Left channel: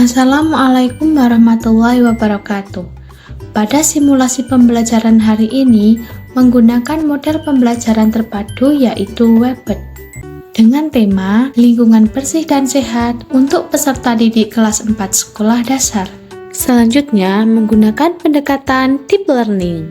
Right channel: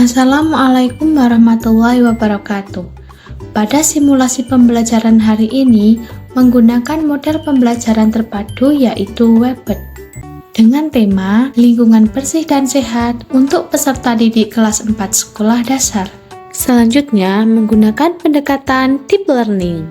Assalamualaikum warahmatullahi wabarakatuh. Pada simulasi pembelajaran hari ini menggunakan model pembelajaran terpadu yaitu WebEd dengan tema lingkungan bersih dan sehat untuk peserta didik kelas 4 sekolah dasar. Selanjutnya menggunakan pendekatan deep learning.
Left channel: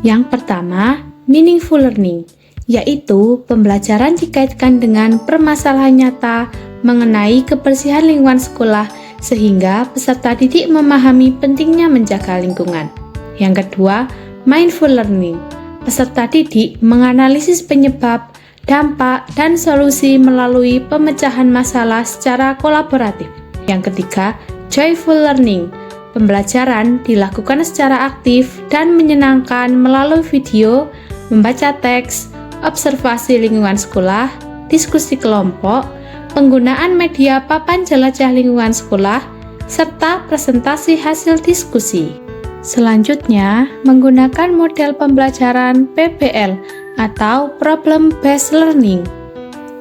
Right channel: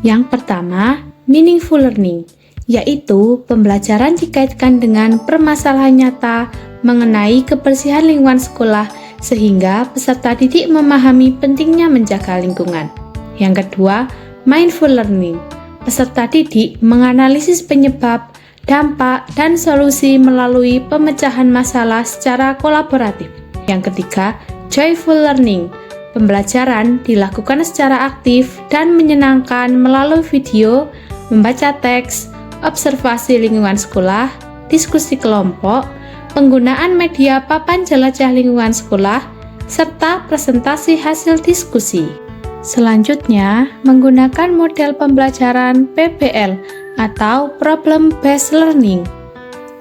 Yang pertama, meaningful learning, yaitu pembelajaran dikaitkan dengan permasalahan nyata mengenai kebersihan lingkungan sekolah sehingga peserta didik memahami pentingnya menjaga lingkungan. Yang kedua, mindful learning. Peserta didik menganalisis penyebab, dampak, dan solusi melalui pemecahan masalah secara kolaboratif. Yang ketiga, joyful learning. Pembelajaran dilakukan secara aktif dan menyenangkan melalui video, membaca teks, observasi lingkungan sekolah, diskusi kelompok, penggunaan media papan jelajah lingkungan sekolah, serta presentasi hasil diskusi. Selanjutnya, menggunakan model pembelajaran PBL atau Problem Based Learning.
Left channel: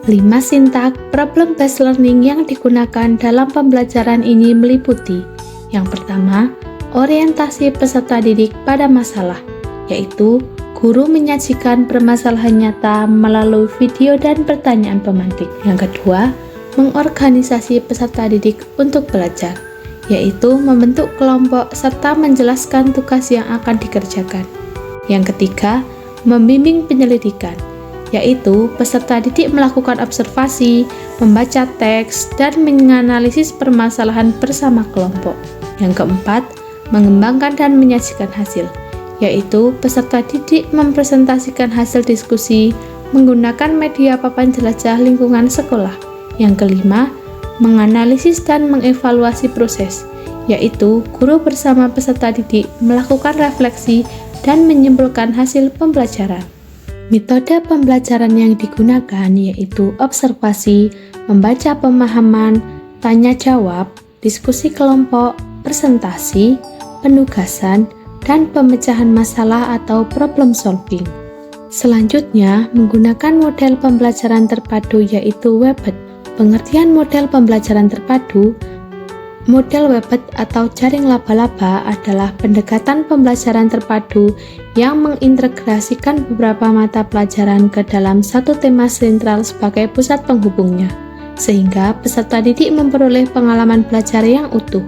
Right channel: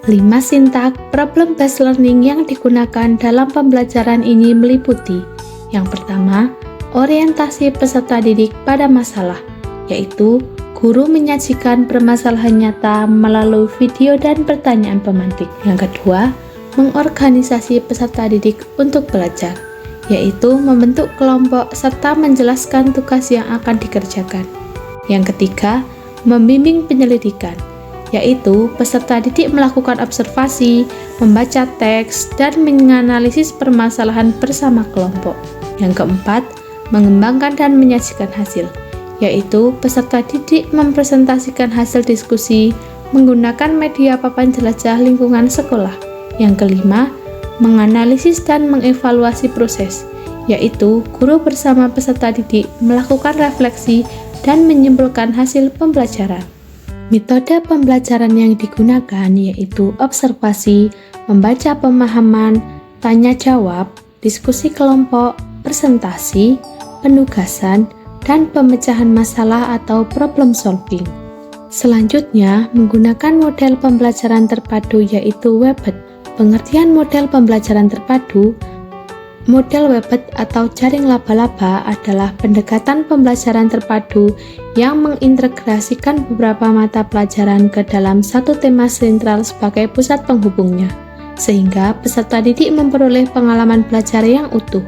5 sintak Problem Based Learning yang digunakan dalam pembelajaran ini meliputi: yang pertama, orientasi peserta didik pada masalah, yaitu guru menyajikan permasalahan nyata melalui video dan pertanyaan pemantik. Yang kedua, mengorganisasi peserta didik untuk belajar, yaitu membentuk kelompok serta menjelaskan tugas yang akan dikerjakan. Yang ketiga, membimbing penyelidikan, yaitu peserta didik melakukan observasi, membaca teks, dan menganalisis permasalahan bersama kelompok. Yang keempat, mengembangkan dan menyajikan hasil, yaitu peserta didik mempresentasikan hasil diskusi menggunakan media papan jelajah lingkungan sekolah. Yang kelima, menganalisis dan mengevaluasi proses, yaitu guru bersama peserta didik melakukan refleksi dan menyimpulkan hasil pembelajaran. Metode pembelajaran yang digunakan yaitu observasi, membaca pemahaman, tanya jawab, diskusi kelompok, presentasi, penugasan, dan pemecahan masalah atau problem solving. Selanjutnya, menggunakan model pembelajaran terpadu yaitu WebEd. Pengertian model pembelajaran terpadu, model WebEd atau jaring laba-laba adalah pendekatan pembelajaran terpadu yang mengintegrasikan beberapa mata pelajaran ke dalam satu tema sentral sebagai pusat penghubungnya, sehingga peserta didik memperoleh pengalaman belajar yang utuh.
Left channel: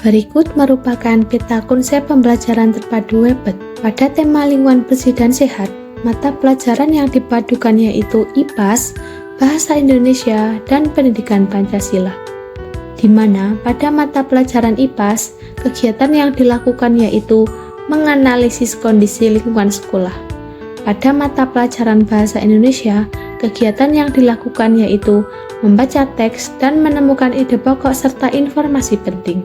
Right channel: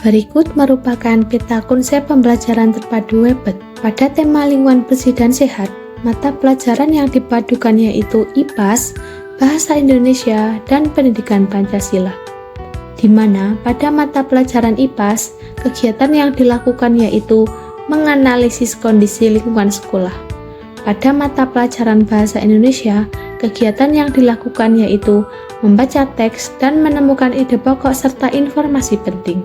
Berikut merupakan peta konsep pembelajaran terpadu WebEd. Pada tema lingkungan bersih dan sehat, mata pelajaran yang dipadukan yaitu IPAS, Bahasa Indonesia, dan Pendidikan Pancasila. Di mana pada mata pelajaran IPAS, kegiatan yang dilakukan yaitu menganalisis kondisi lingkungan sekolah. Pada mata pelajaran Bahasa Indonesia, kegiatan yang dilakukan yaitu membaca teks dan menemukan ide pokok serta informasi penting.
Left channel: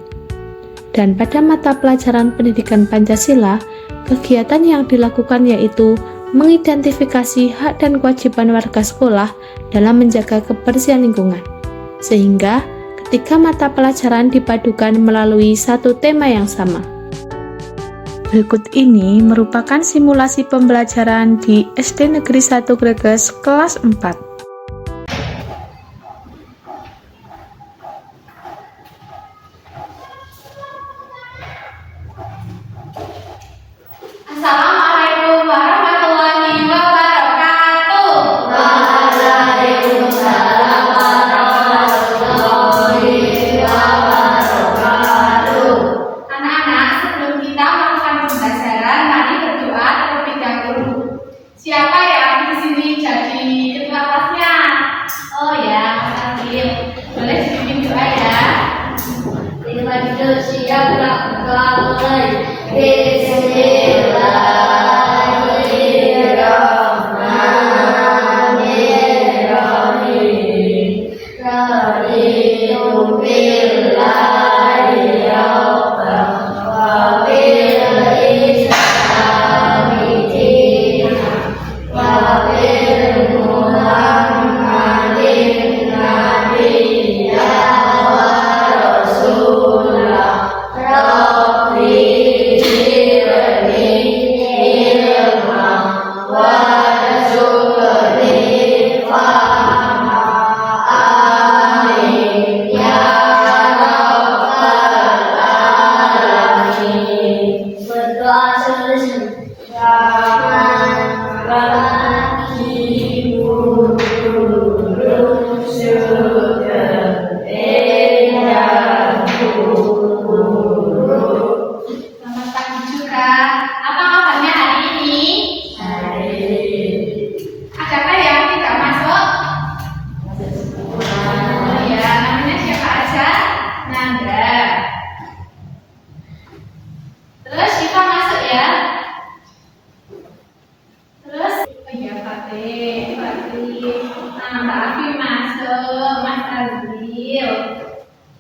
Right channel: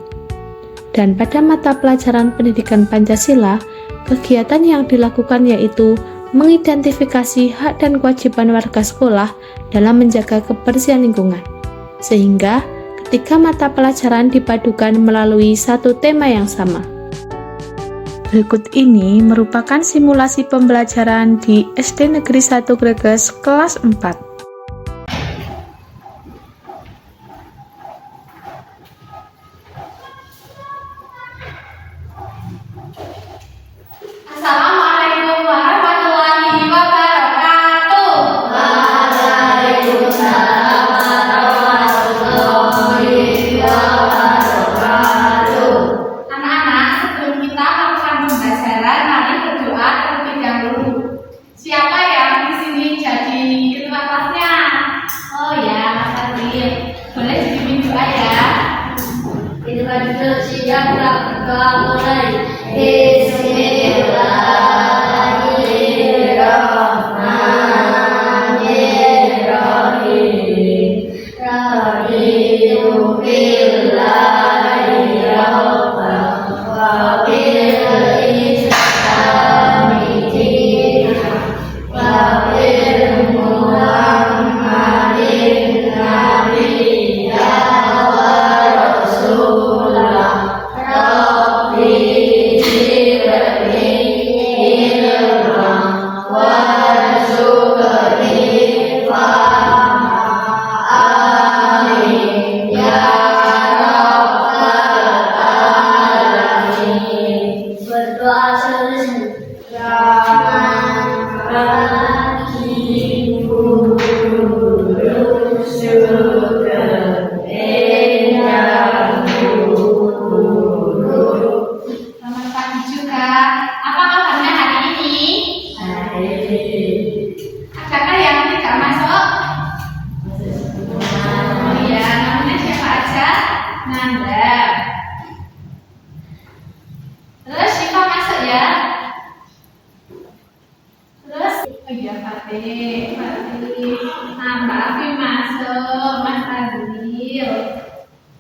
Dan pada mata pelajaran Pendidikan Pancasila, kegiatan yang dilakukan yaitu mengidentifikasi hak dan kewajiban warga sekolah dalam menjaga kebersihan lingkungan. Sehingga ketiga mata pelajaran dipadukan melalui satu tema yang sama. Berikut ini merupakan simulasi pembelajaran di SD Negeri 1 Greges kelas 4. Assalamualaikum warahmatullahi wabarakatuh. Waalaikumsalam warahmatullahi wabarakatuh. Anak-anak, sebelum kita melakukan pembelajaran, mari berdoa terlebih dahulu. Siapa yang di sini jadi ketua kelasnya? Oh ya, Mas Adil. Boleh dipimpin doa ya. Kita duduk siap mulai. Ya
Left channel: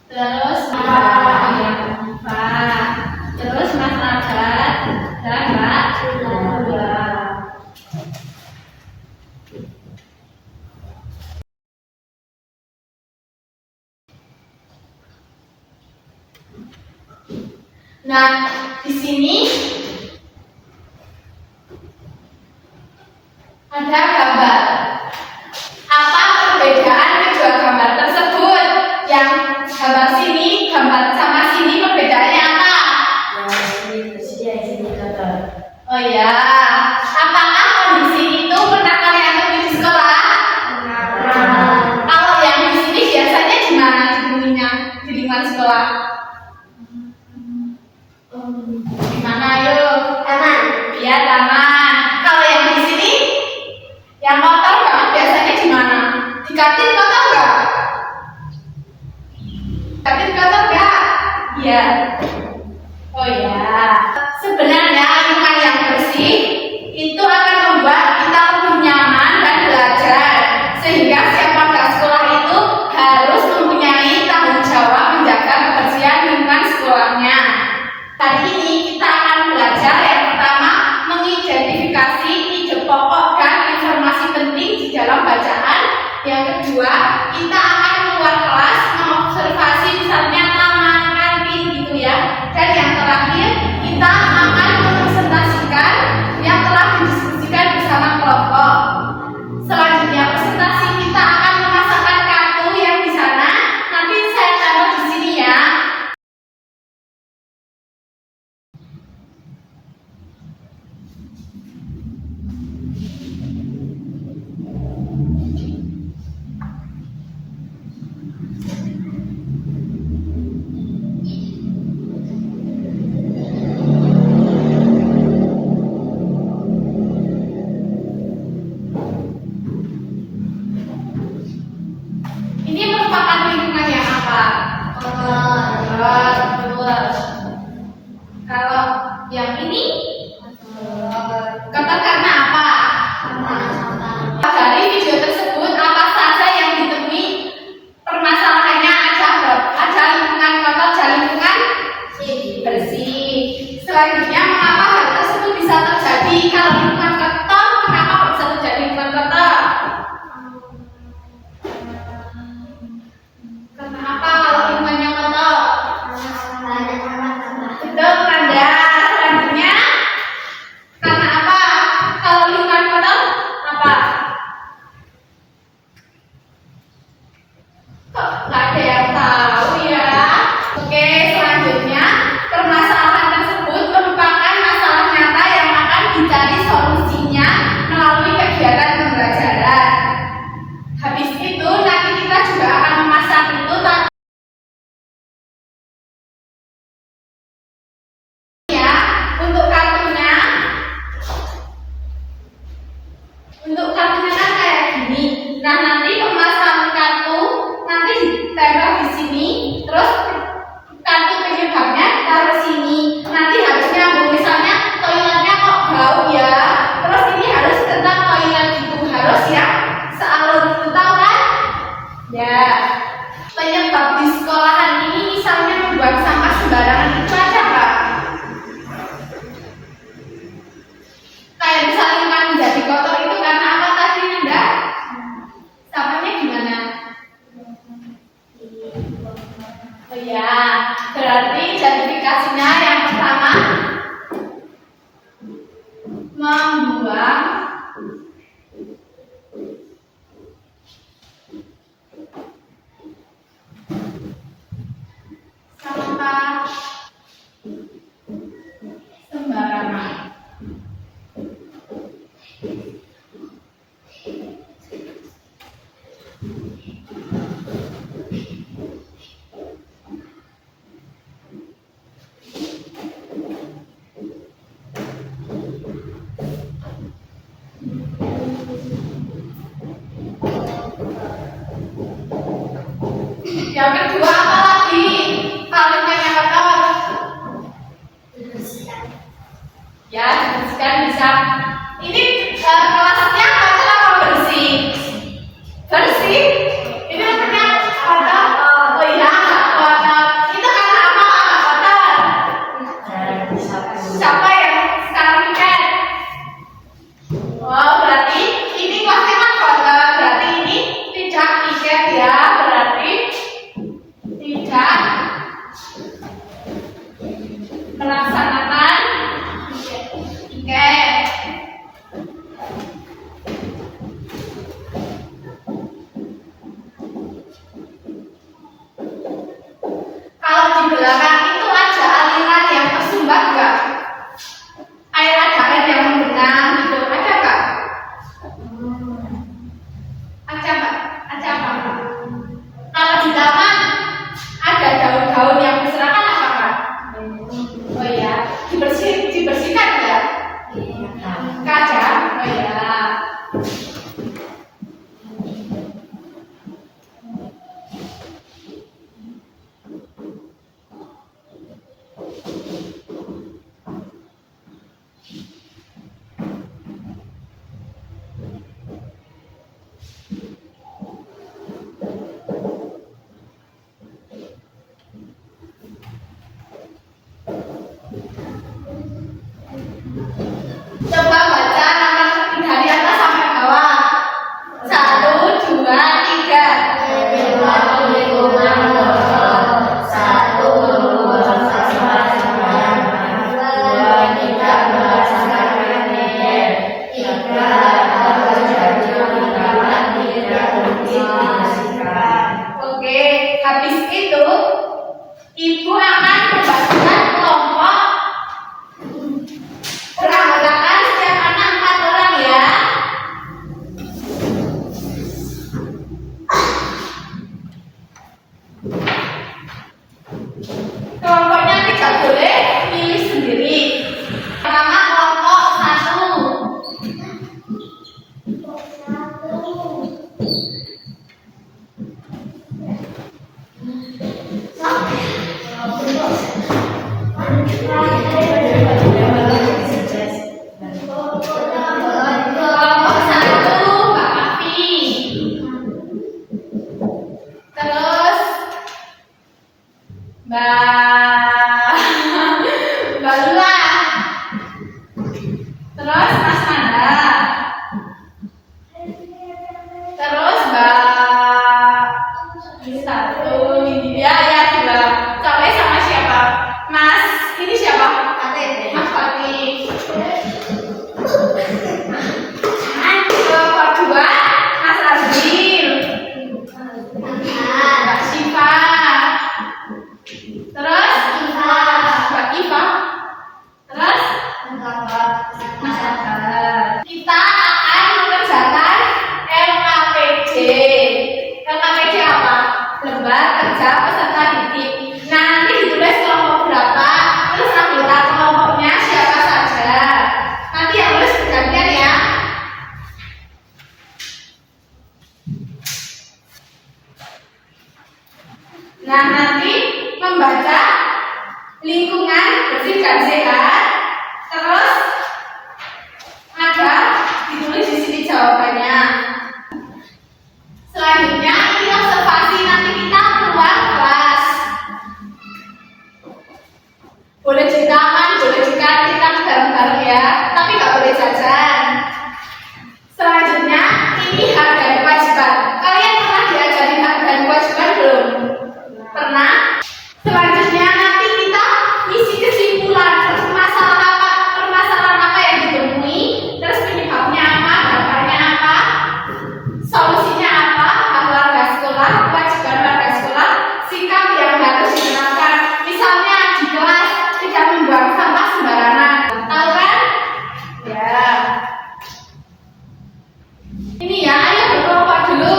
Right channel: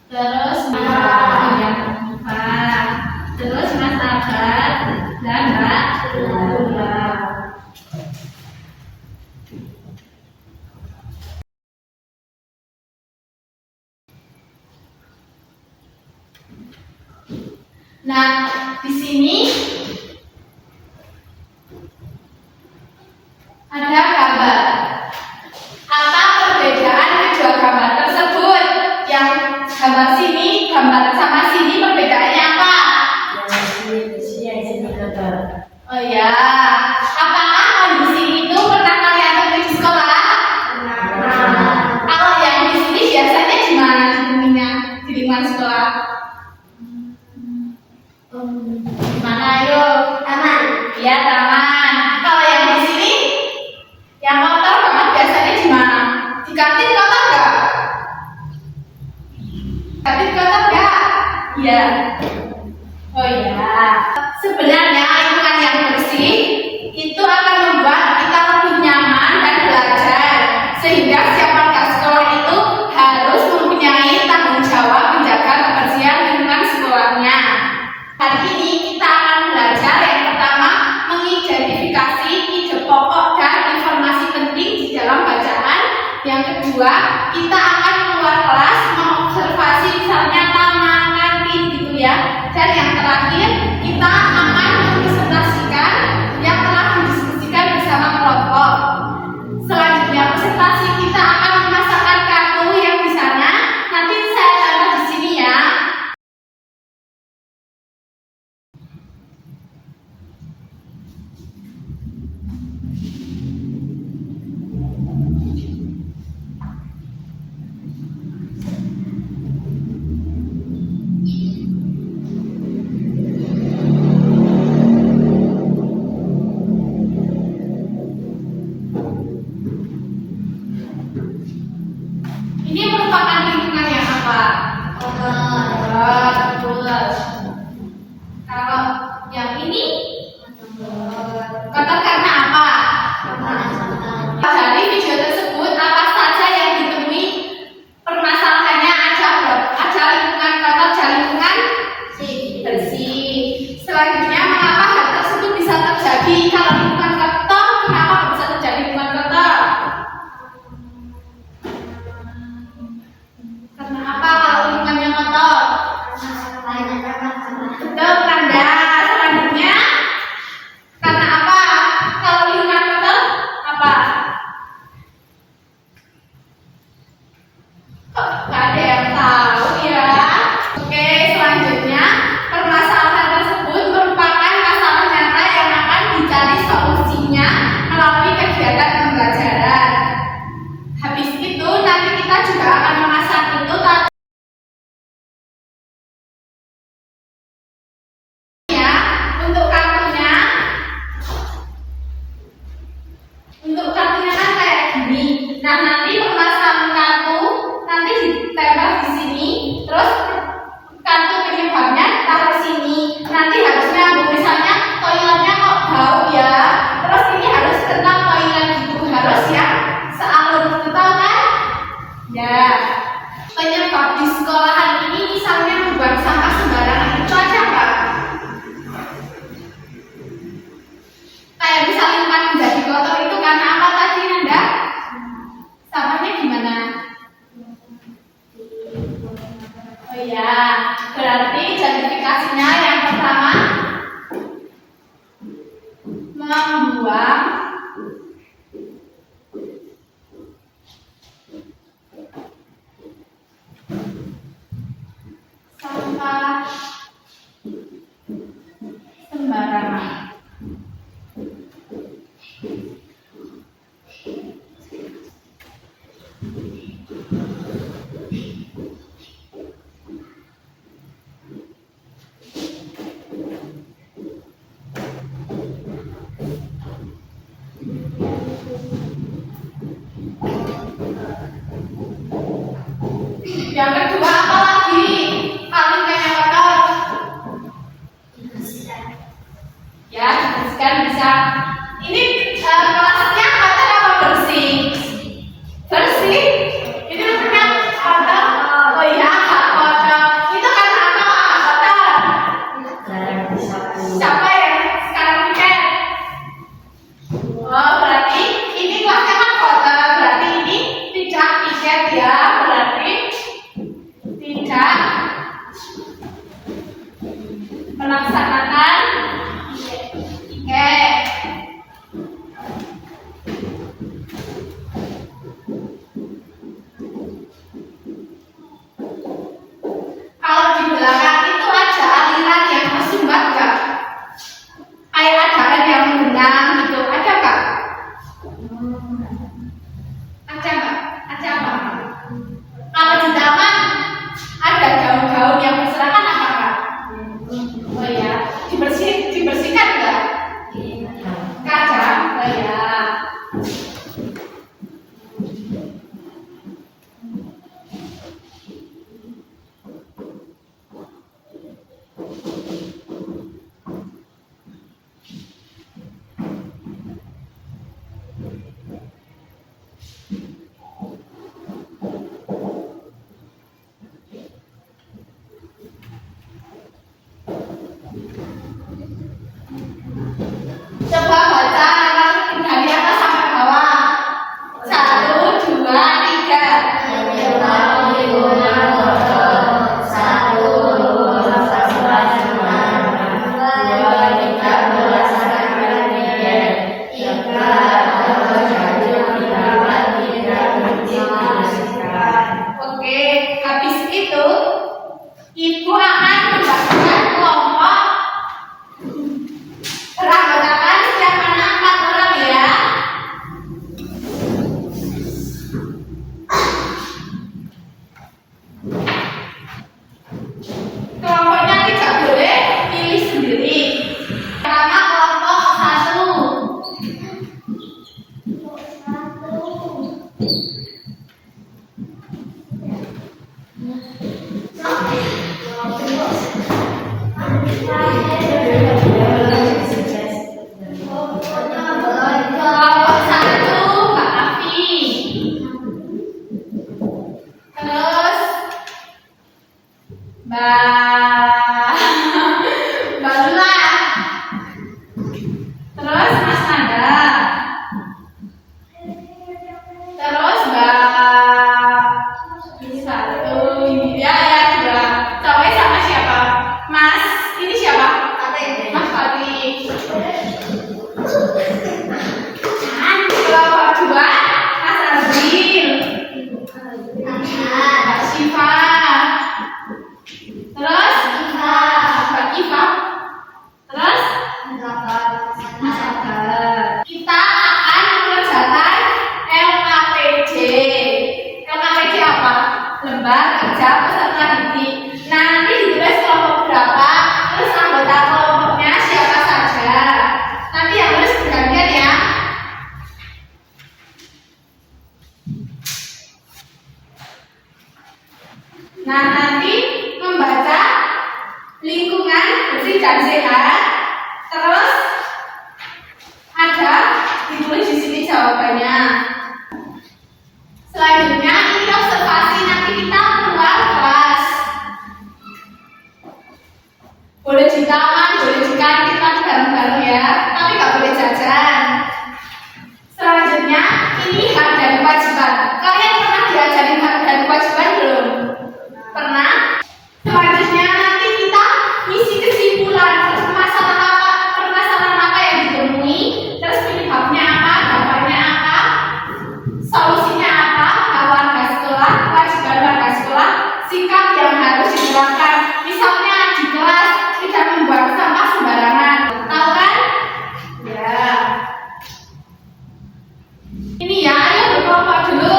terus yang Pak, terus Mas Agat dan Mbak Dula. Nah, di sini ada gambar. Apa perbedaan kedua gambar tersebut? Yang gambar sini, gambar sama sini perbedaannya apa? Yang sini bersih, yang sini kotor. Oh ya, apakah kondisi itu pernah kalian temui di sekolah? Kalau yang di sini biasanya di mana temuinya di lingkungan sekolah? Di mana ayo? Taman. Ya taman. Kalau yang di sini, yang kotor banget biasanya di mana? Di kantin kotor nggak? Kantin kotor nggak? Iya. Oh ya. Sebenarnya lingkungan yang bersih itu akan membuat kita lebih nyaman dan belajar, sehingga siapapun sekolah itu harus mempunyai tanggung jawab menjaga kebersihan lingkungan sekolahnya. Hari ini kita akan belajar yang pertama mengidentifikasi ide pokok dan informasi penting di dalam bacaan. Yang kedua, kita akan keluar kelas mengobservasi misalnya taman, kantin gitu ya. Dan yang terakhir, kita akan mempresentasikan yang telah didiskusikan bersama kelompok. Selanjutnya presentasi kita akan memasakkan kartu yang di sana. Nanti saya taruh di sini ya. Ini merupakan lingkungan yang apa? Betul. Kalau yang ini kotor karena apa? Dari video tersebut apa saja yang ditemui? Permasalahannya ada lingkungan kotor, ada lingkungan bersih. Selanjutnya, mengapa hal tersebut bisa terjadi? Kalau lingkungan kotor, kenapa bisa terjadi lingkungan kotor? Karena apa kalau lingkungannya kotor? Betul, Kanda. Selanjutnya, karena apa? Kalau lingkungan kotor, apa? Kok nggak ada yang tahu ya? Oke, selanjutnya, permasalahan tersebut merupakan masalah nyata yang akan dicari solusinya melalui kegiatan pembelajaran. Habis itu, nanti kita juga akan memasang itu ya untuk kartunya. Untuk kartunya kan kayak gini. Nah, nanti pemasangan kartu nanti ditempel di sini, terus kartu penyebabnya ditaruh sini. Nanti harusnya misalnya toiletnya kok bau ya, terus ini harus tentang toilet gitu, harus ya sealur gitu, tahu kan? Ya, penyebab di sekolahan ini misalnya membuang sampah sembarangan itu aja nggak? Kayak bisa lingkungan menjadi kotor itu karena apa tadi Nanda? Sampahnya gimana? Oh iya, berarti identifikasinya yang pertama membuang sampah sembarangan. Yang kedua apa lagi? Paling banyak apa? Ya, dibersihkan bisa. Ini kelasnya kotor apa bersih? Bersih. Ini kan kotor. Oh iya, agak kotor. itu, Ibu akan membagikan kelompok beranggotakan setiap anak 4 orang ya. Kelompoknya tidak boleh pilih sendiri. Pertama kelompok 1. Kelompok 1 Mbak Afi. Terus Mbak Lula. Terus Mas Nanda. Terus Mbak ini satu ini ya dua. Sampai sama siapa? Mas ini siapa? Mas Fatih. Kelompok 2 Mas Azril. Mbak Syifa. Terus Mbak Iva. Terus Mas Sabar. Kita akan mengerjakan LKPJ. LKPJ apa? Lembar kerja peserta didik. Nah, nanti ditulis kelompok berapa, terus anggota kelompoknya siapa saja. Nanti yang tulis bergantian ya. Nah, nanti membaca lingkungan bersih dan sehat. Terus ada ditulis di sini jawabannya. Selanjutnya ini observasi, nanti kita keluar kelas. Boleh di taman, boleh di kantin, tapi bareng-bareng ya. Tapi nggak boleh jajan. Selanjutnya ini hak dan kewajiban. Kalian pernah diajari hak dan kewajiban belum? Pernah? Selanjutnya nanti kita isi kesimpulan permasalahan apa yang ditemui, terus penyebabnya apa, dampaknya apa, solusinya apa, hak warga sekolah, kewajiban warga sekolah, sikap yang harus diterapkan. Misalnya di kelas tidak membuang sampah sembarangan. Tahu kan? Ya. Ini ya, ayo berkelompok dulu.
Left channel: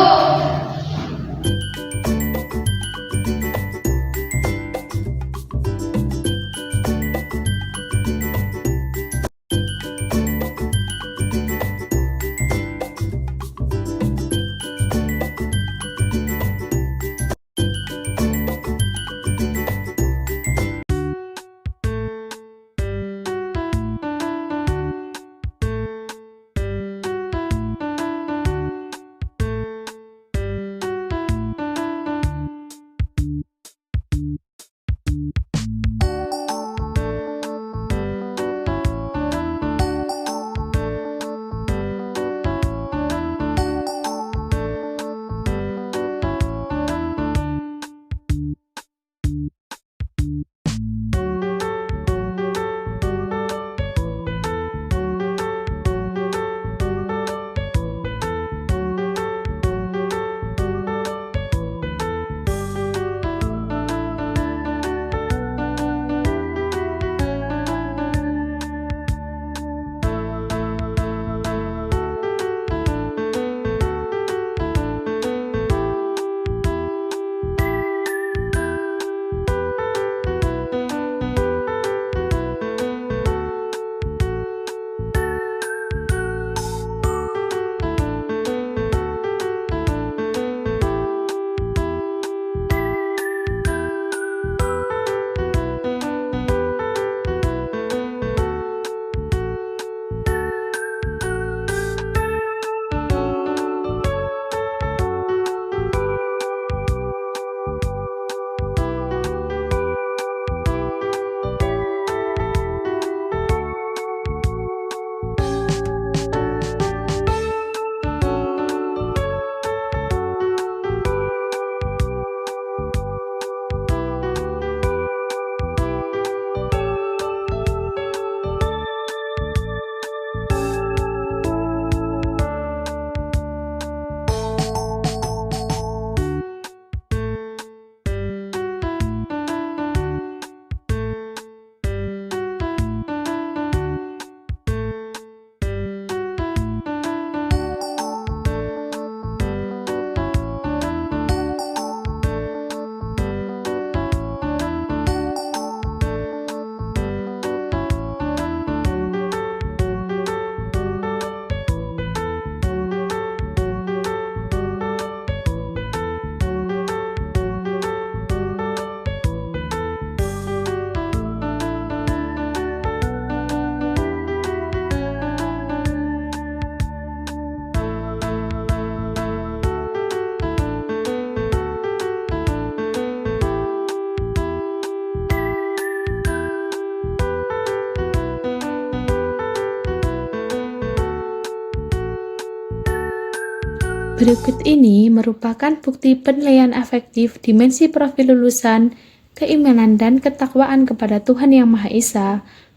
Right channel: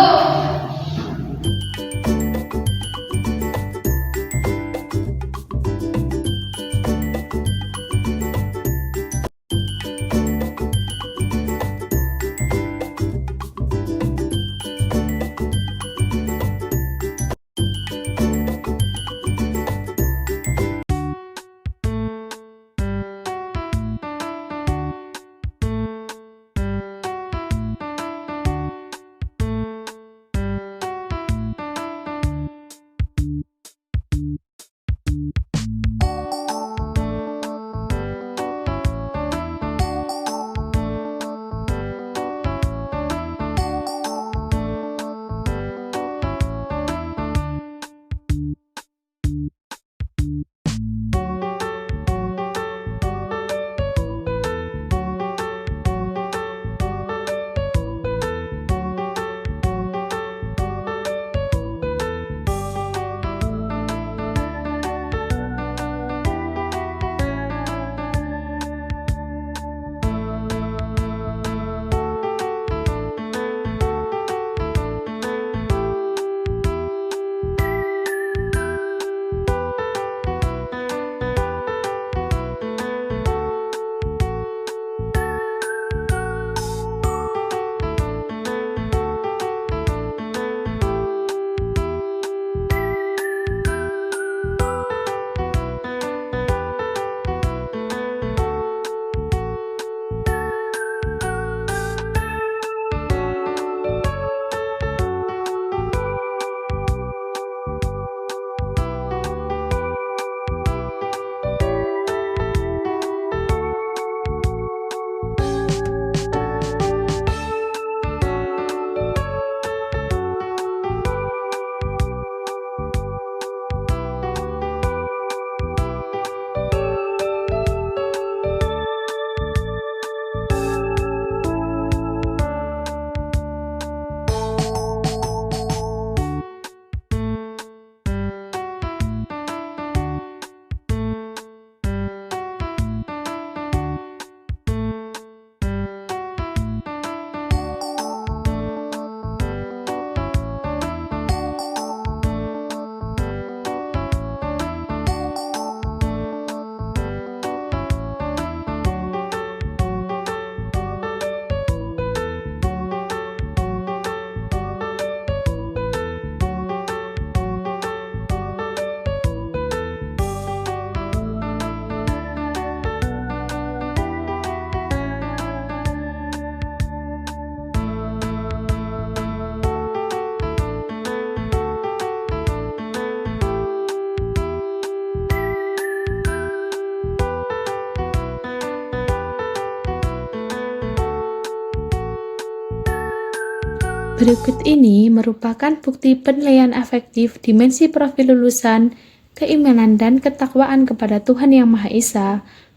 Berikut ini merupakan bukti penilaian afektif dimensi profil lulusan, keimanan dan ketakwaan kepada Tuhan Yang Maha Esa,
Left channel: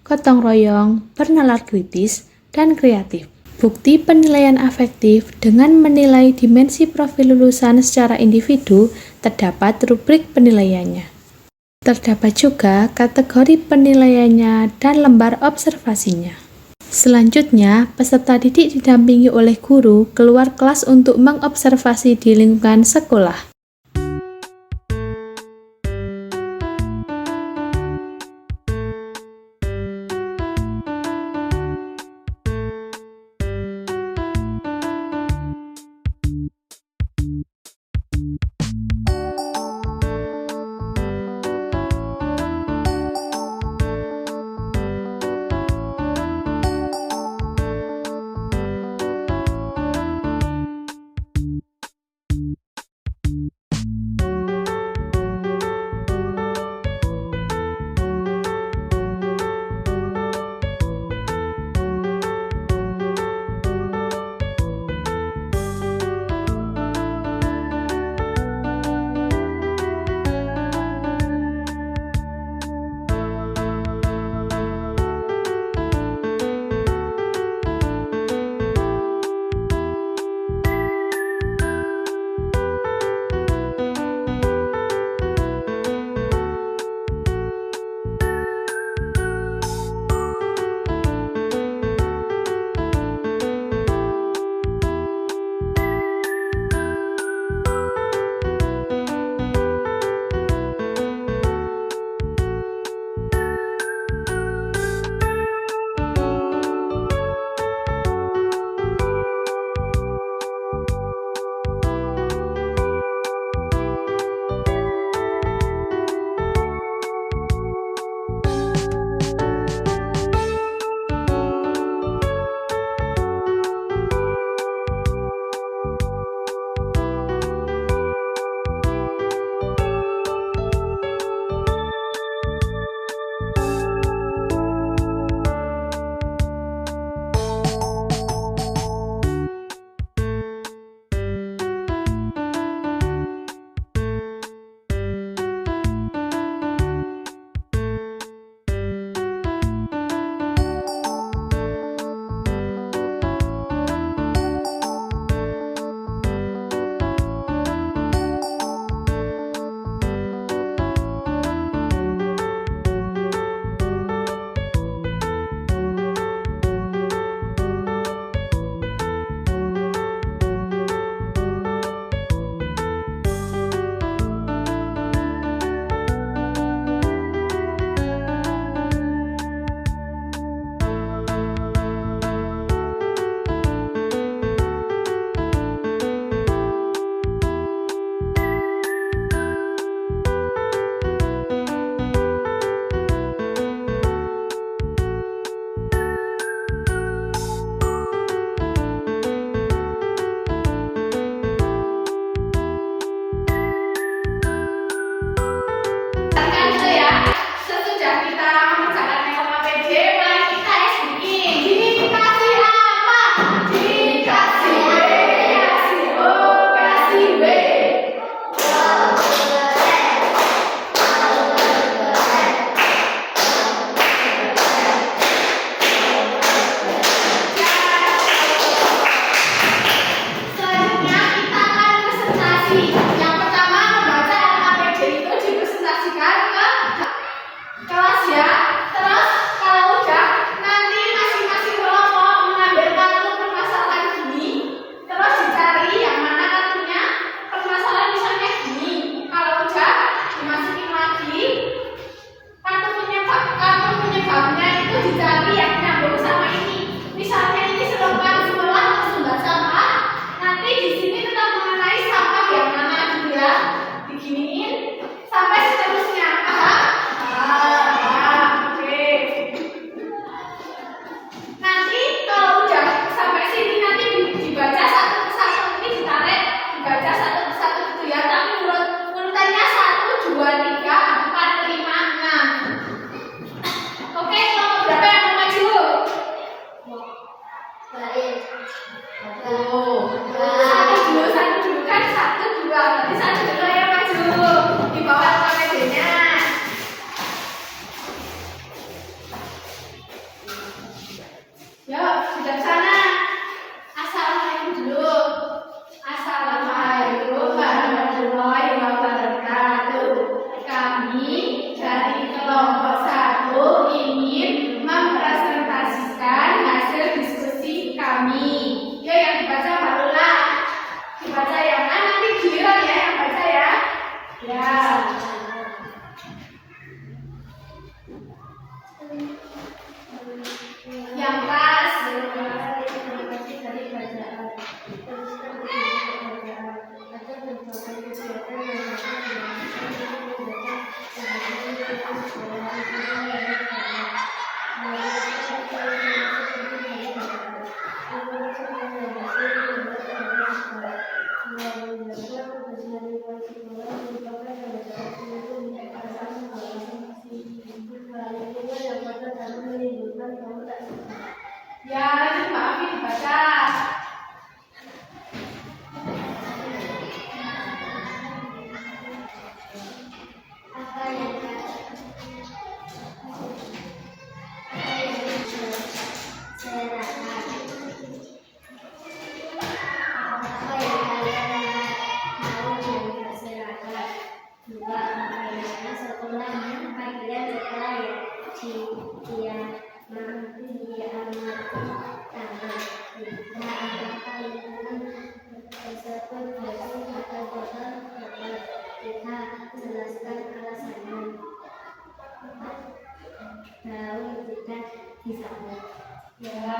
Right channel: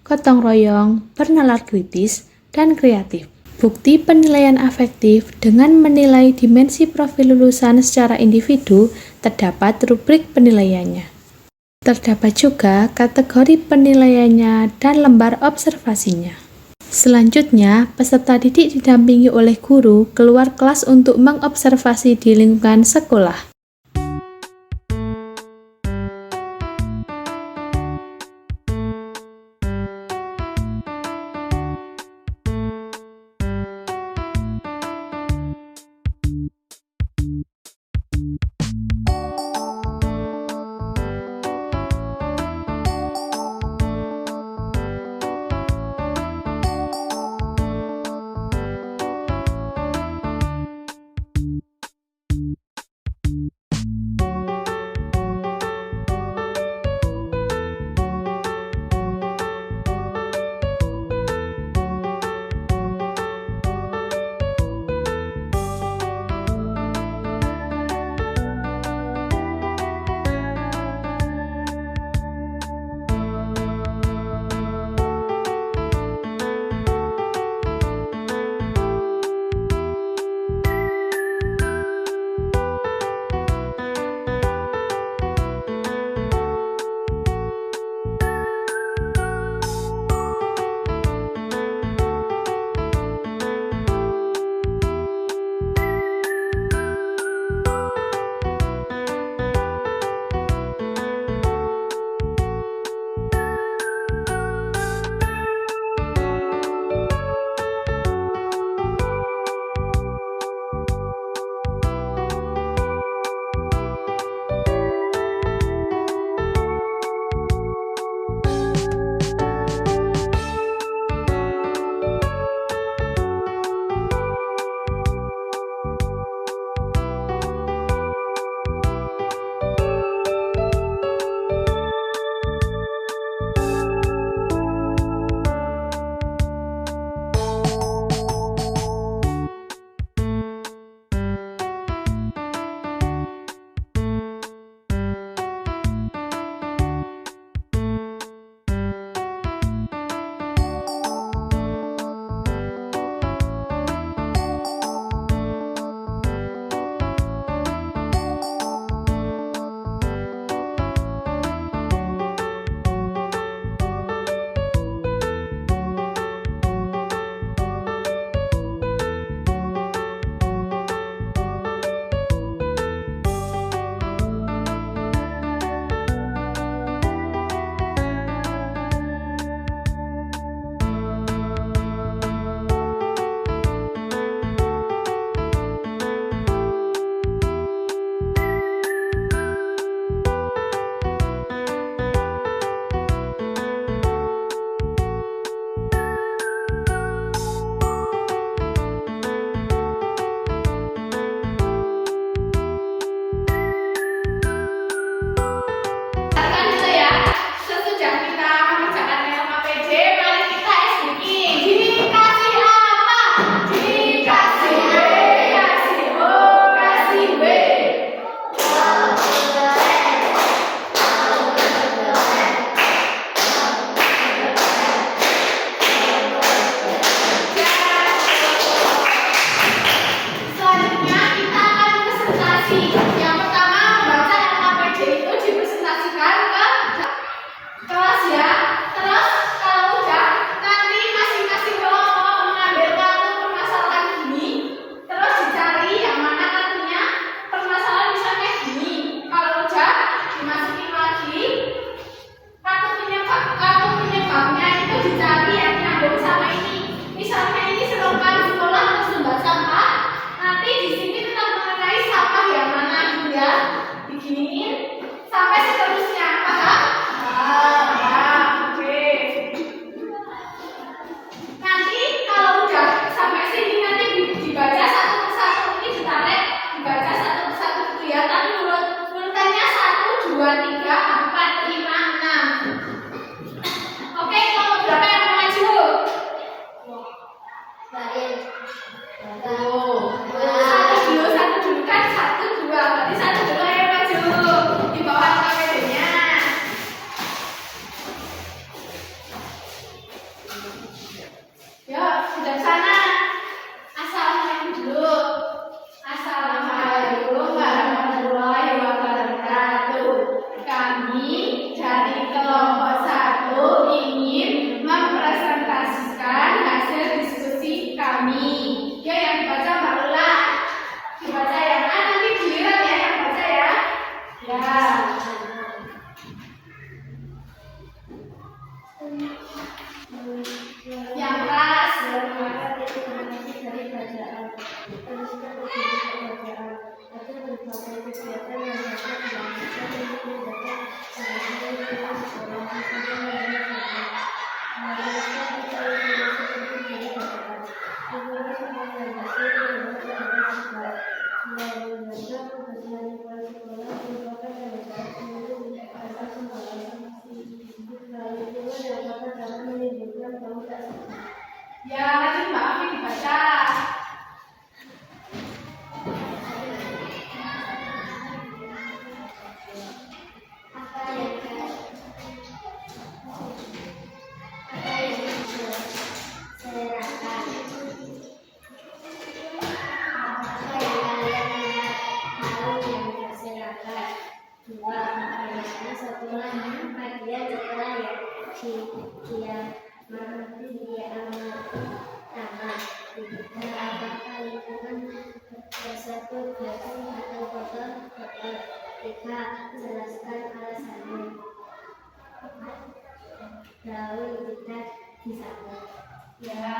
gotong royong, bernalar kritis, dan kreatif. Bukti penilaian afektif dengan menilai dimensi profil lulusan secara individu terdapat rubrik penilaiannya. Terdapat juga kategori penilaiannya dan lembar observasinya. Selanjutnya, peserta didik didampingi oleh guru keluar kelas untuk mengobservasi di lingkungan sekolah. Kami dari kelompok 1 ingin mempresentasikan hasil diskusi kami. Ya, yang dibaca Mbak Lula. Dibaca ya. Nanti giliran ya yang baca ya. Ya. Yang keras. Ya, lanjut Mbak Afi dibaca. Jelaskan alasannya. Daun kita disambut. Ya.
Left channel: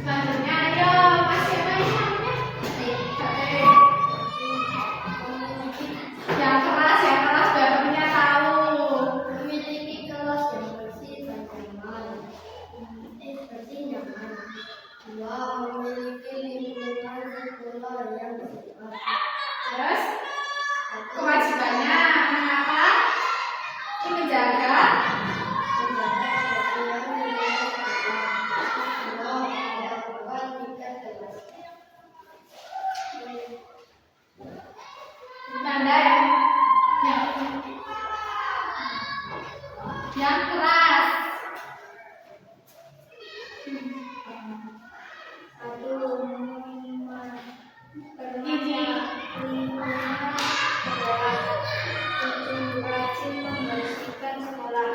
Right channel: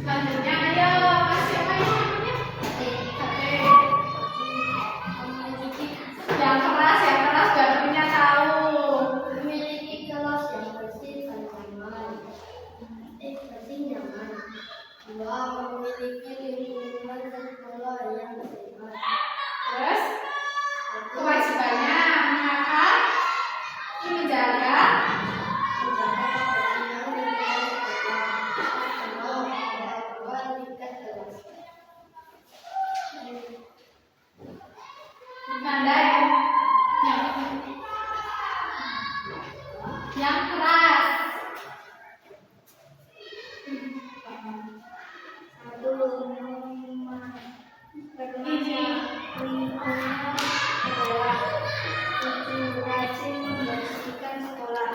Selanjutnya ayo, Mas siapa ini namanya? Batik. Yang keras biar punya tahu. Memiliki kelas yang bersih dan nyaman. Bersih nyaman. Dua, memiliki lingkungan sekolah yang sehat. Terus kewajibannya mengapa? Menjaga kebersihan lingkungan sekolah. Dua, memperkuat tingkat kelas. tanda yang keras. Satu, Ini lingkungan sekolah. Tujuh, rajin membersihkan sekolah.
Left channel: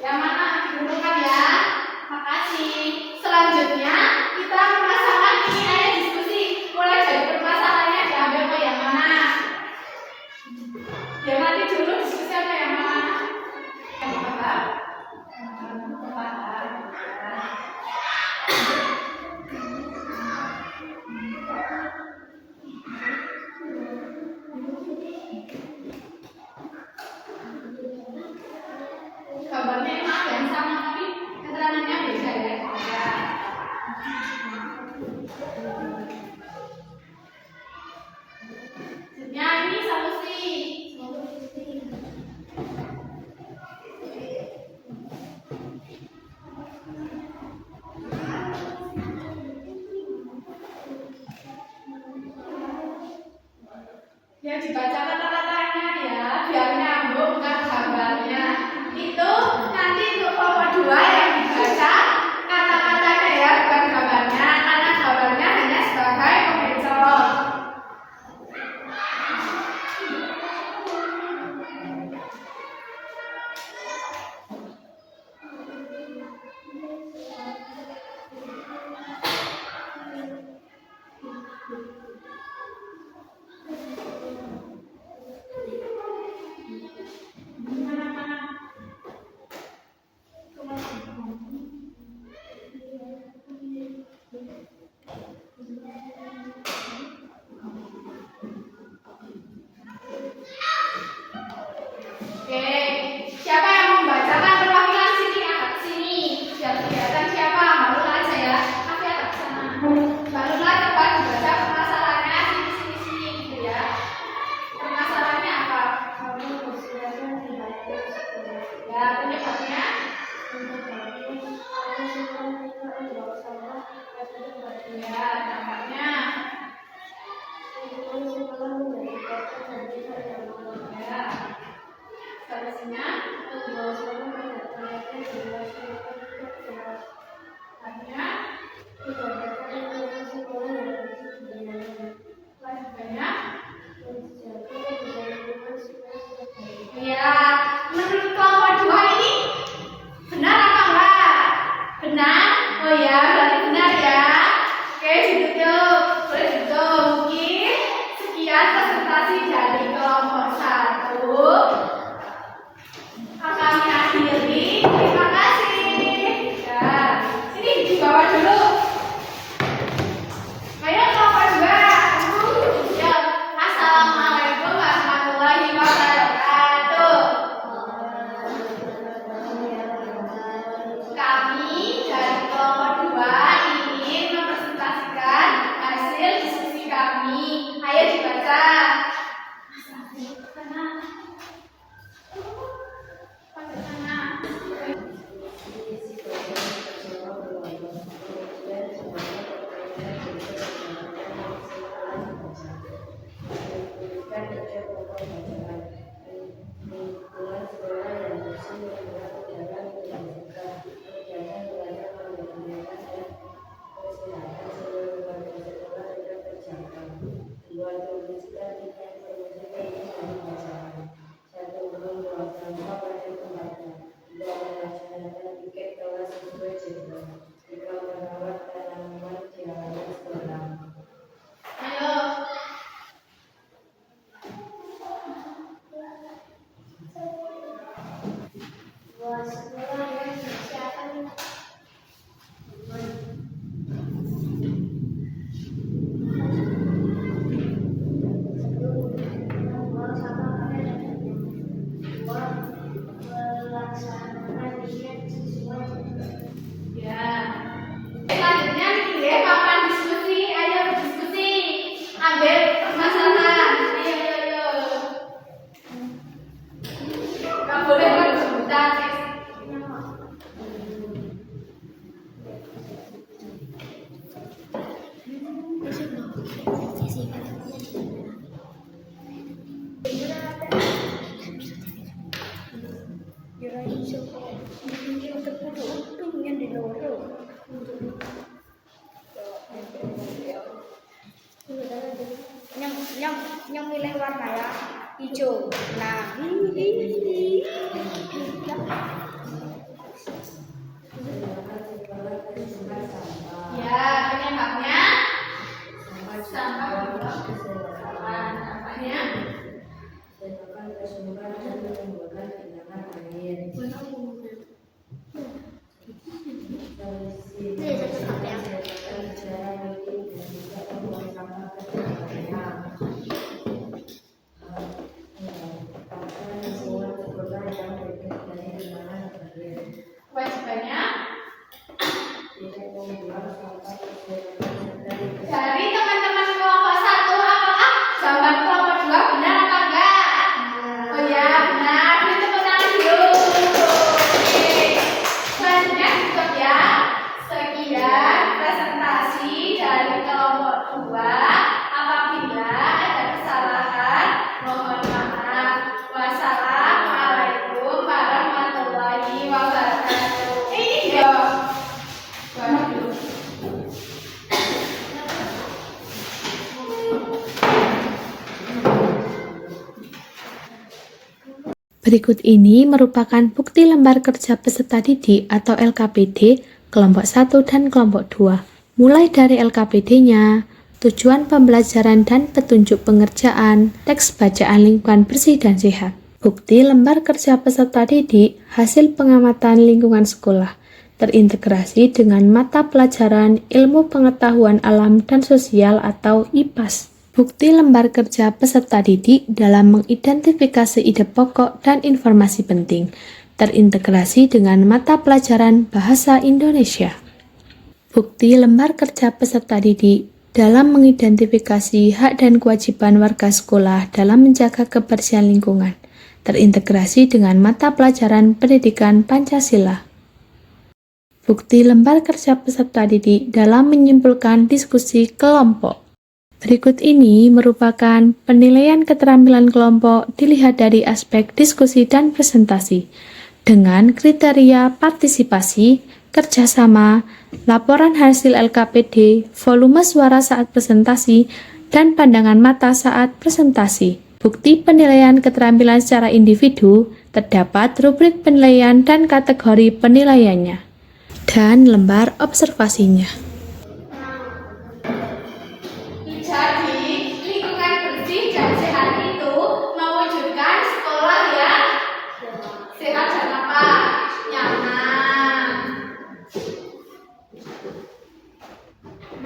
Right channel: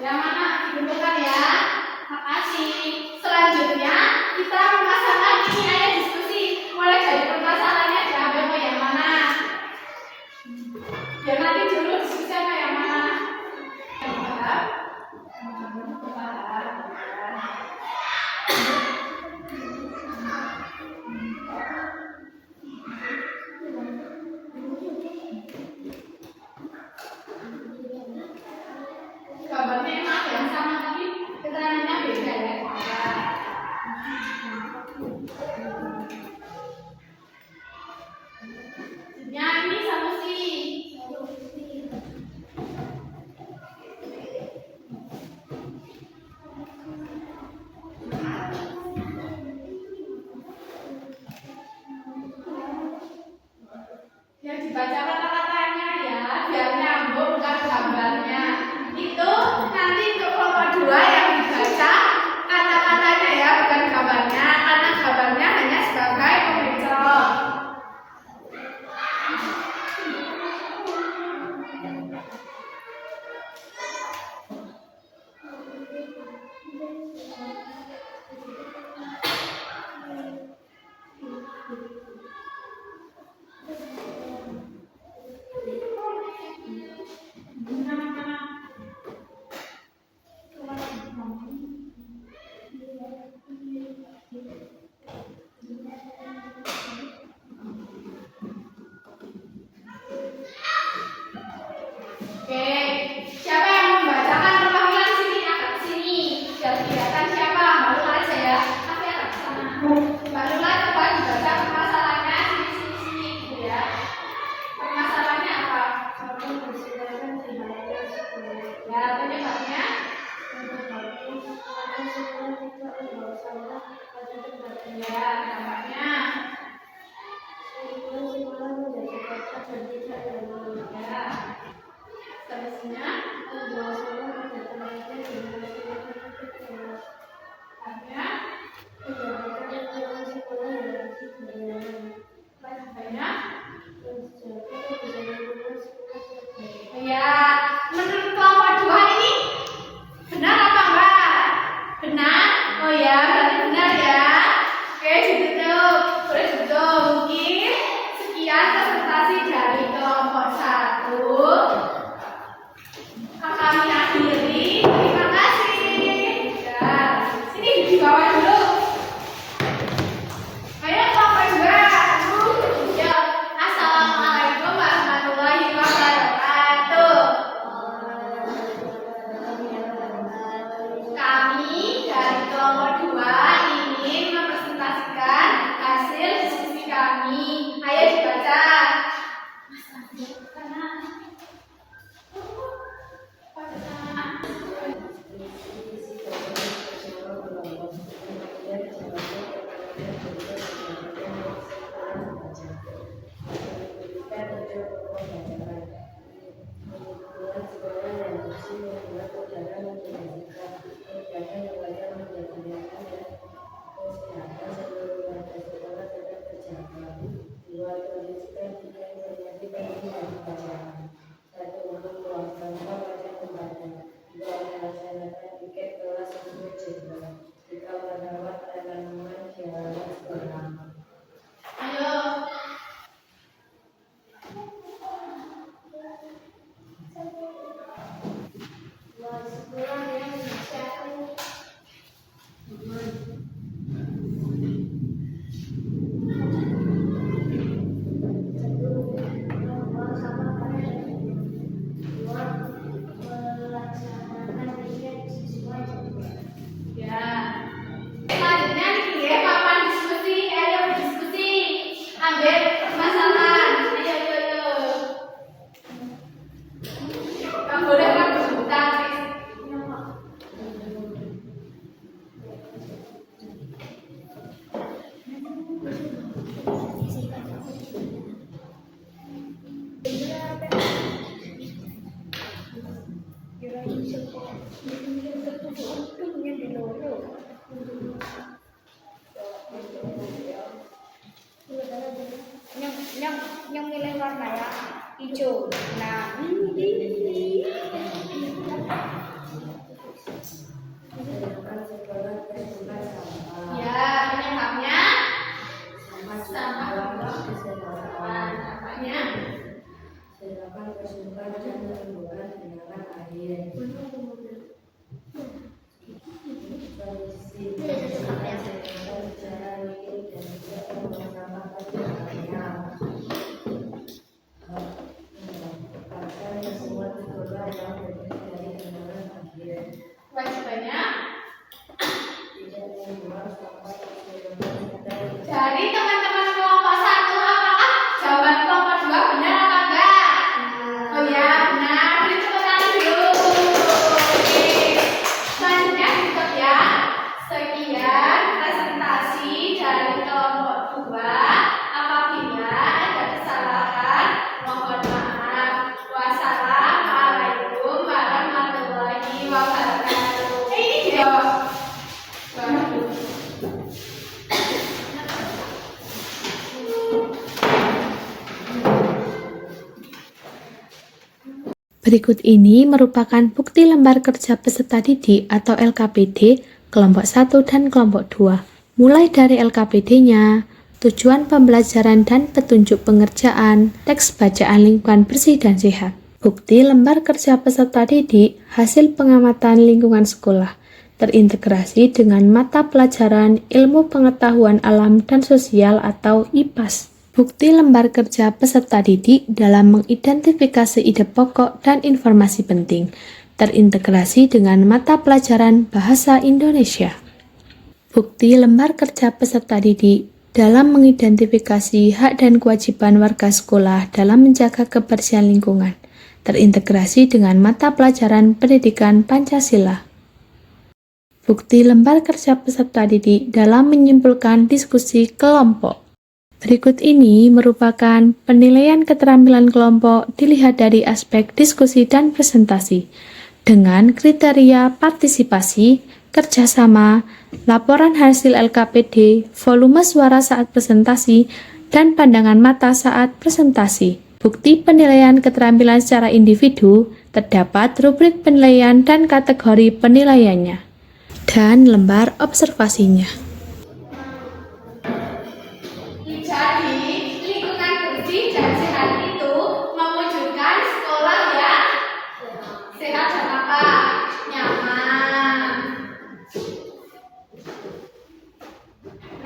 yang mana dikumpulkan ya. Makasih. Selanjutnya kita memasangkan ini ayo diskusi. Mulai dari permasalahannya diambil ke yang mana. Ya nanti dulu diskusi apa yang mana. Yang paham? Paham. Gambarnya maaf yang sama tapi keterangannya beda ya. bawah dulu. Ayo kelompok 2. Ya, Assalamualaikum warahmatullahi wabarakatuh. Kami dari kelompok 2 ingin mempresentasikan hasil diskusi kami. Ayo dibaca. Selanjutnya dipilih papan diskusi. Ayo berdiskusi. Ambil permasalahan. Ayo. Kamu boleh berbuta. Yang milih warna ya hijau. Nah, Ya, penyebabnya sampah buang kesembaran. Sampahnya kewajibannya dari teman-teman kelompok 1, apakah jawaban kelompok 2 benar apa enggak? Oh ya, benar. Beri tepuk tangan dulu. Oke. Selanjutnya tutup ya. Sekian presentasi dari kelompok 2. Apabila ada kesalahan, mohon maaf. Wassalamualaikum warahmatullahi wabarakatuh. Ini dia. Waduh. Berikut ini merupakan bukti lembar kerja peserta didik atau LKPD kelompok 1 dan kelompok 2. Mulai dari LKPD-nya, tujuan pembelajaran dan petunjuk pengerjaan, teks bacaan lingkungan bersih dan sehat. Bukti lembar kerja peserta didik hasil pengamatan lingkungan sekolah, terintegrasi dengan mata pelajaran ilmu pengetahuan alam dan sosial atau IPAS. Bukti lembar kerja peserta didik dalam mengidentifikasi ide pokok dan informasi penting, terintegrasi dengan mata pelajaran bahasa Indonesia. Bukti lembar kerja peserta didik dalam mengidentifikasi hak dan kewajiban warga sekolah dalam menjaga kebersihan lingkungan, terintegrasi dengan mata pelajaran pendidikan Pancasila. Bukti lembar kerja peserta didik dalam menyimpulkan diskusi kelompok. Berikut ini merupakan penilaian keterampilan kelompok dilihat dari aspek diskusi dan presentasi, dengan kriteria partisipasi, kerjasama, laporan hasil LKPD, volume suara saat presentasi, dan pandangan mata saat presentasi. Bukti penilaian keterampilan secara individu, terdapat rubrik penilaian dan kategori penilaiannya, dan lembar observasinya. Jadi, lingkungan bersih dan sehat itu mewujudkan sekolah yang sehat dan apa? Nyaman.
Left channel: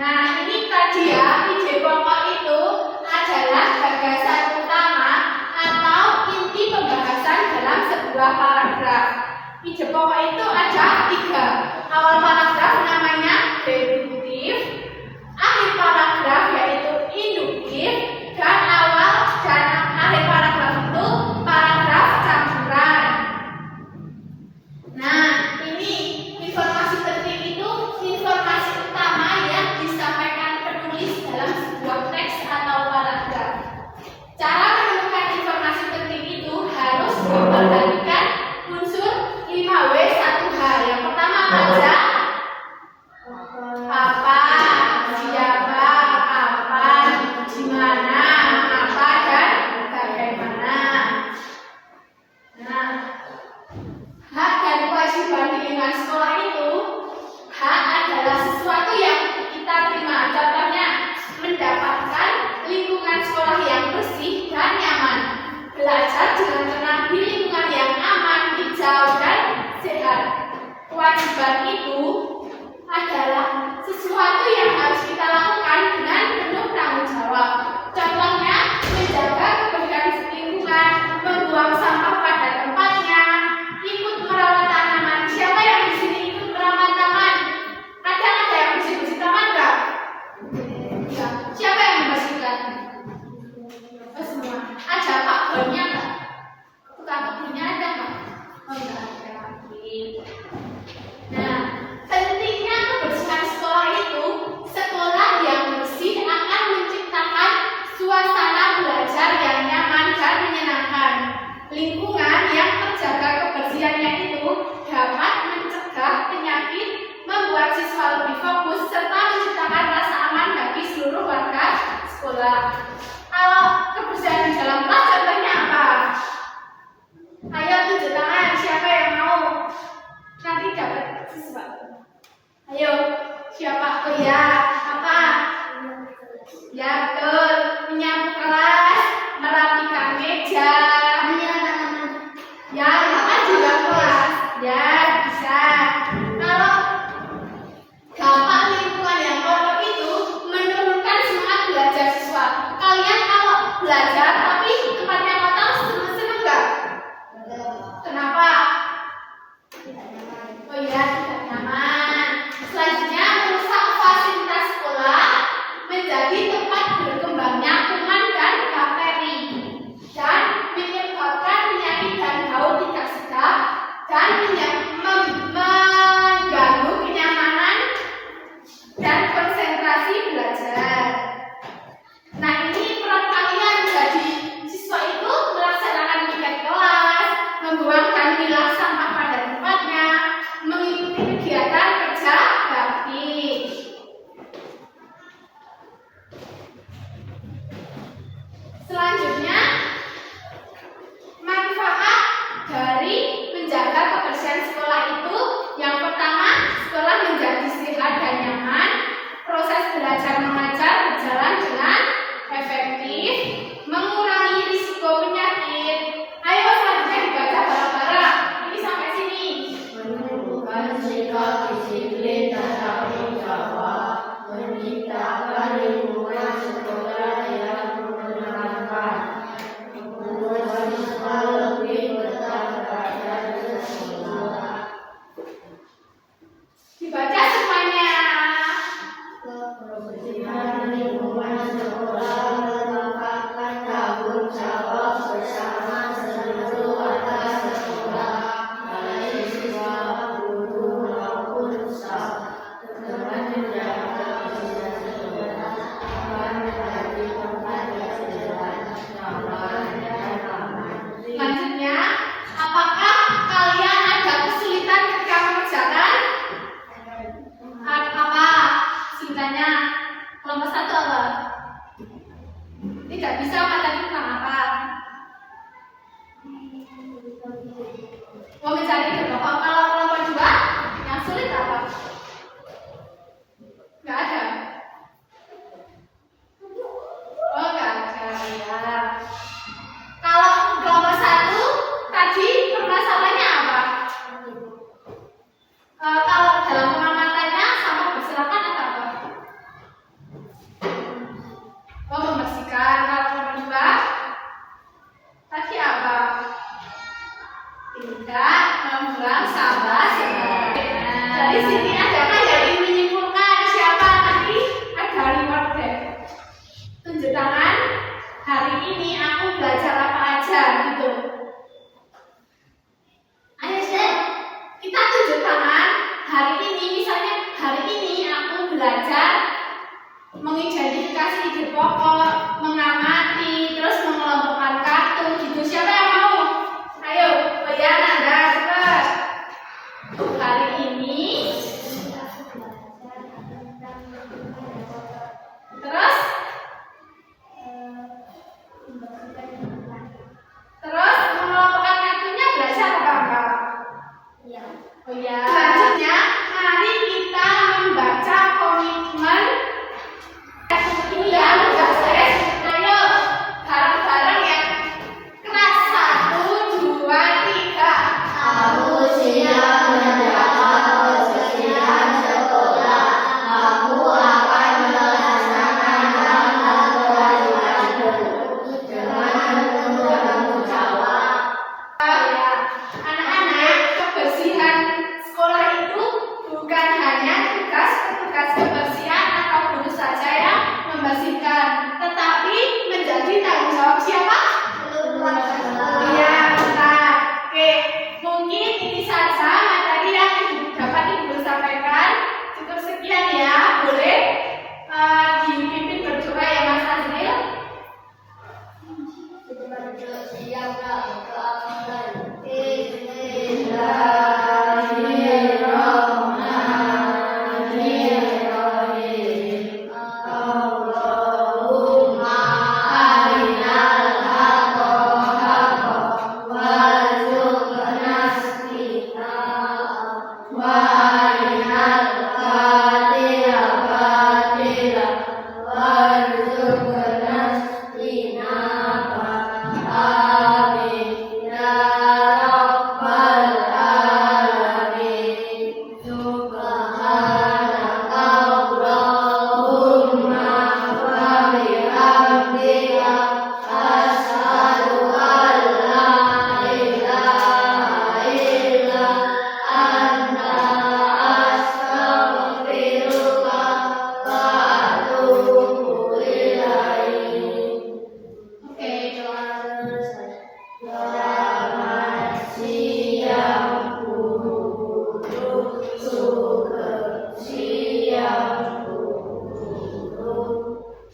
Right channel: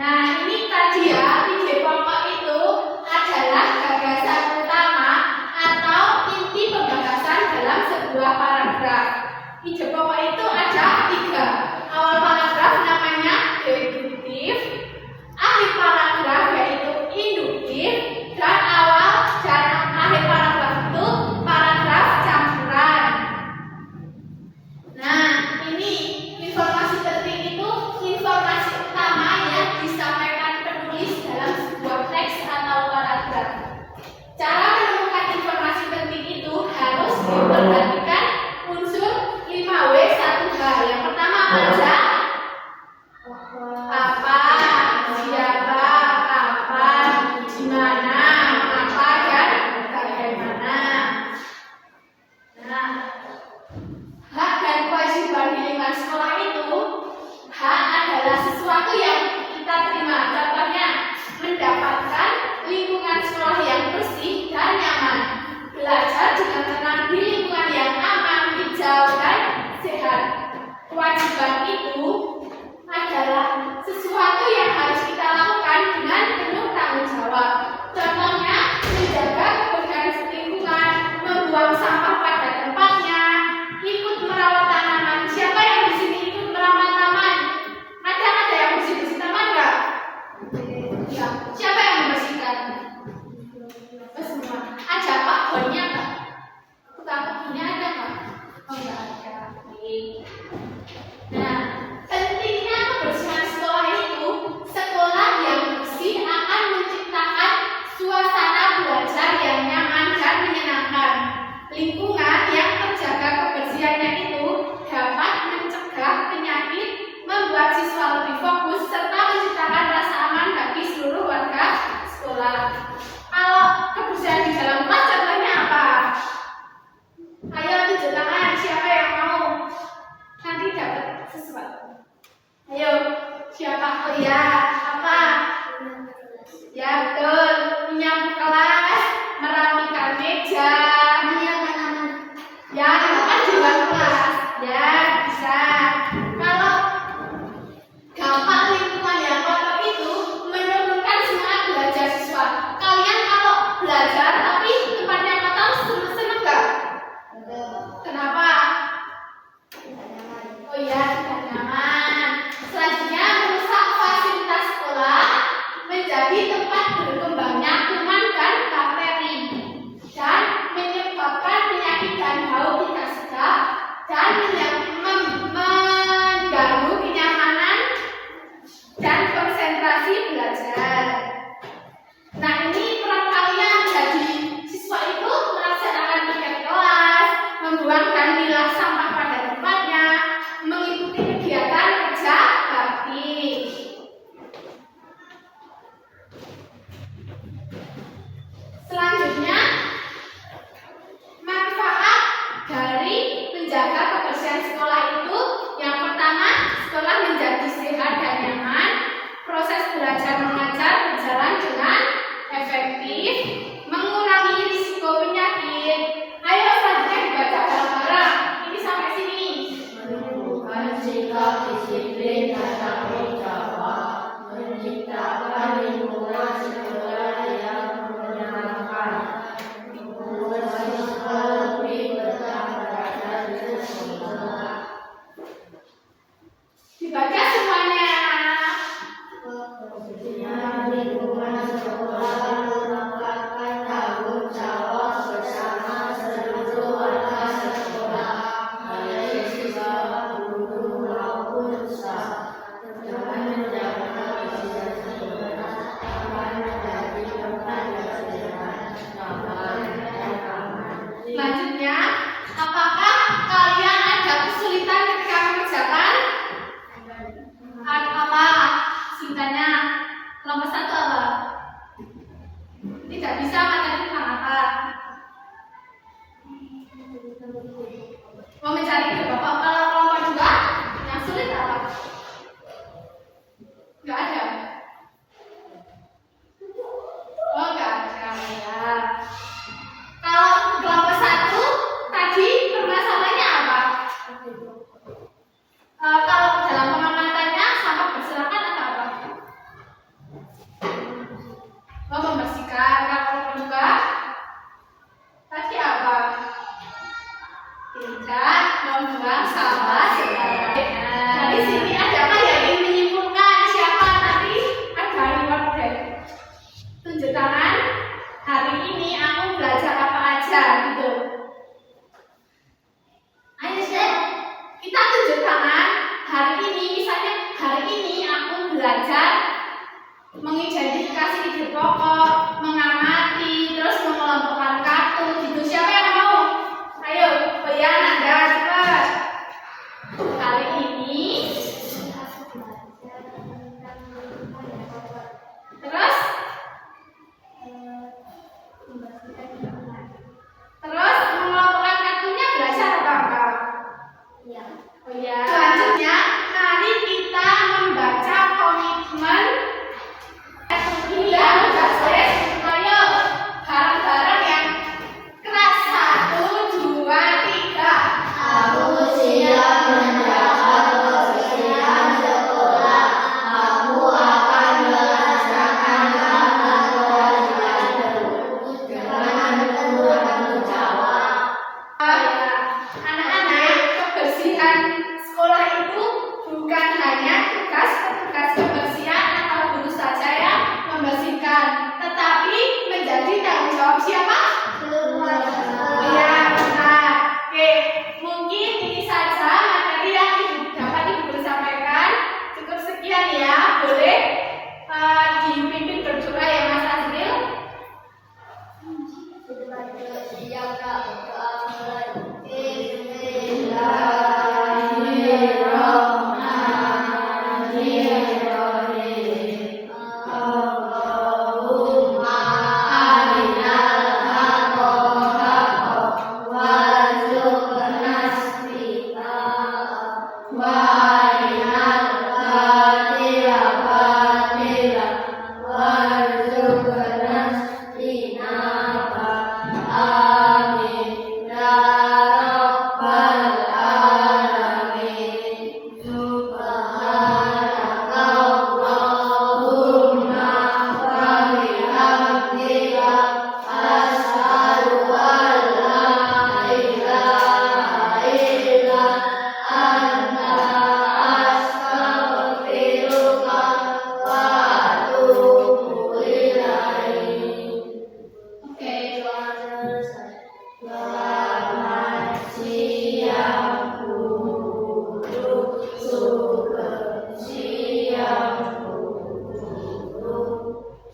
Nah, ini tadi ya, ide pokok itu adalah gagasan utama atau inti pembahasan dalam sebuah paragraf. Ide pokok itu ada 3. Awal paragraf namanya deduktif, akhir paragraf yaitu induktif, dan akhir paragraf itu paragraf campuran. Nah, ini informasi penting itu informasi utama yang disampaikan penulis dalam sebuah teks atau paragraf. Cara menemukan informasi penting itu harus memperhatikan unsur 5W 1H. Yang pertama baca apa, siapa, kapan, di mana, apa, dan bagaimana. Nah, hak dan kewajiban di lingkungan sekolah itu, hak adalah sesuatu yang kita terima. Contohnya, mendapatkan lingkungan sekolah yang bersih dan nyaman, belajar dengan tenang di lingkungan yang aman, hijau, dan sehat. Kewajiban itu adalah sesuatu yang harus kita lakukan dengan penuh tanggung jawab. Contohnya, menjaga kebersihan lingkungan, membuang sampah pada tempatnya, ikut merawat tanaman. Siapa yang di sini ikut merawat taman? Ada yang bersih-bersih taman nggak? Ya. Siapa yang membersihkan? Oh, semua. Ada Pak Bonnya nggak? Tukang kebunnya ada nggak? Oh, nggak ada. Oke. Nah, pentingnya kebersihan sekolah itu, sekolah yang bersih akan menciptakan suasana belajar yang nyaman dan menyenangkan. Lingkungan yang terjaga kebersihannya itu dapat mencegah penyakit, membuat siswa lebih fokus, serta menciptakan rasa aman bagi seluruh warga sekolah. Kalau kebersihan di dalam kelas contohnya apa? Ayo tunjuk tangan, siapa yang mau? Nanti dapat sesuatu. Ayo, siapa? Oh ya, apa? Ya betul, menyapu kelas, merapikan meja. Ya, kan juga kelas. Ya, bisa. Kalau dampak lingkungan yang kotor itu menurunkan semangat belajar siswa. Kalian kalau belajar tapi tempatnya kotor, seneng nggak? Kenapa? Oh iya, tidak nyaman. Selanjutnya, merusak fasilitas sekolah menjadi tempat berkembangnya kuman dan bakteri, dan menyebabkan penyakit dan bau tidak sedap, dan mengganggu kenyamanan dan konsentrasi belajar. Nah, ini peran kalian jadi siswa itu melaksanakan piket kelas, membuang dan milah sampah pada tempatnya, mengikuti kegiatan kerja bakti. mengidentifikasi ide pokok, mengamati, terus mengelompokkan kartu gitu. Siapa yang mau? Ayo, Boyan, Anda cepat. Hari ini terus mengelompokkan kartunya belajar apa enggak? Ya. Oh ya. Selanjutnya, mari kita membaca komitmen. Iya, berbasis. Ayo, bareng-bareng yang keras. 1, 2, 3. Aku siap mendapat persediaan sekolah. Aku akan melaksanakan hal-hal kewajibanku dengan penuh tanggung jawab. Anak-anak, kebersihan sekolah itu bukan hanya tugas petugas kebersihan atau guru saja yang membersihkan, tetapi menjadi tanggung jawab siapa? Iya, benar. Oke, mungkin ini saja materi yang dapat Ibu sampaikan. Cukup sekian ya, boleh dipimpin berdoa ya Mas Azril.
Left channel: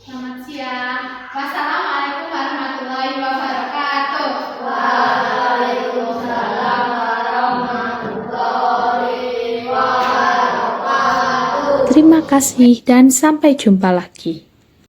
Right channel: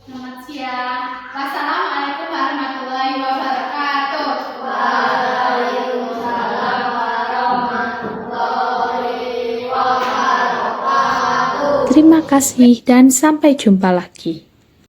Selamat siang. Wassalamualaikum warahmatullahi wabarakatuh. Waalaikumsalam warahmatullahi wabarakatuh. Terima kasih dan sampai jumpa lagi.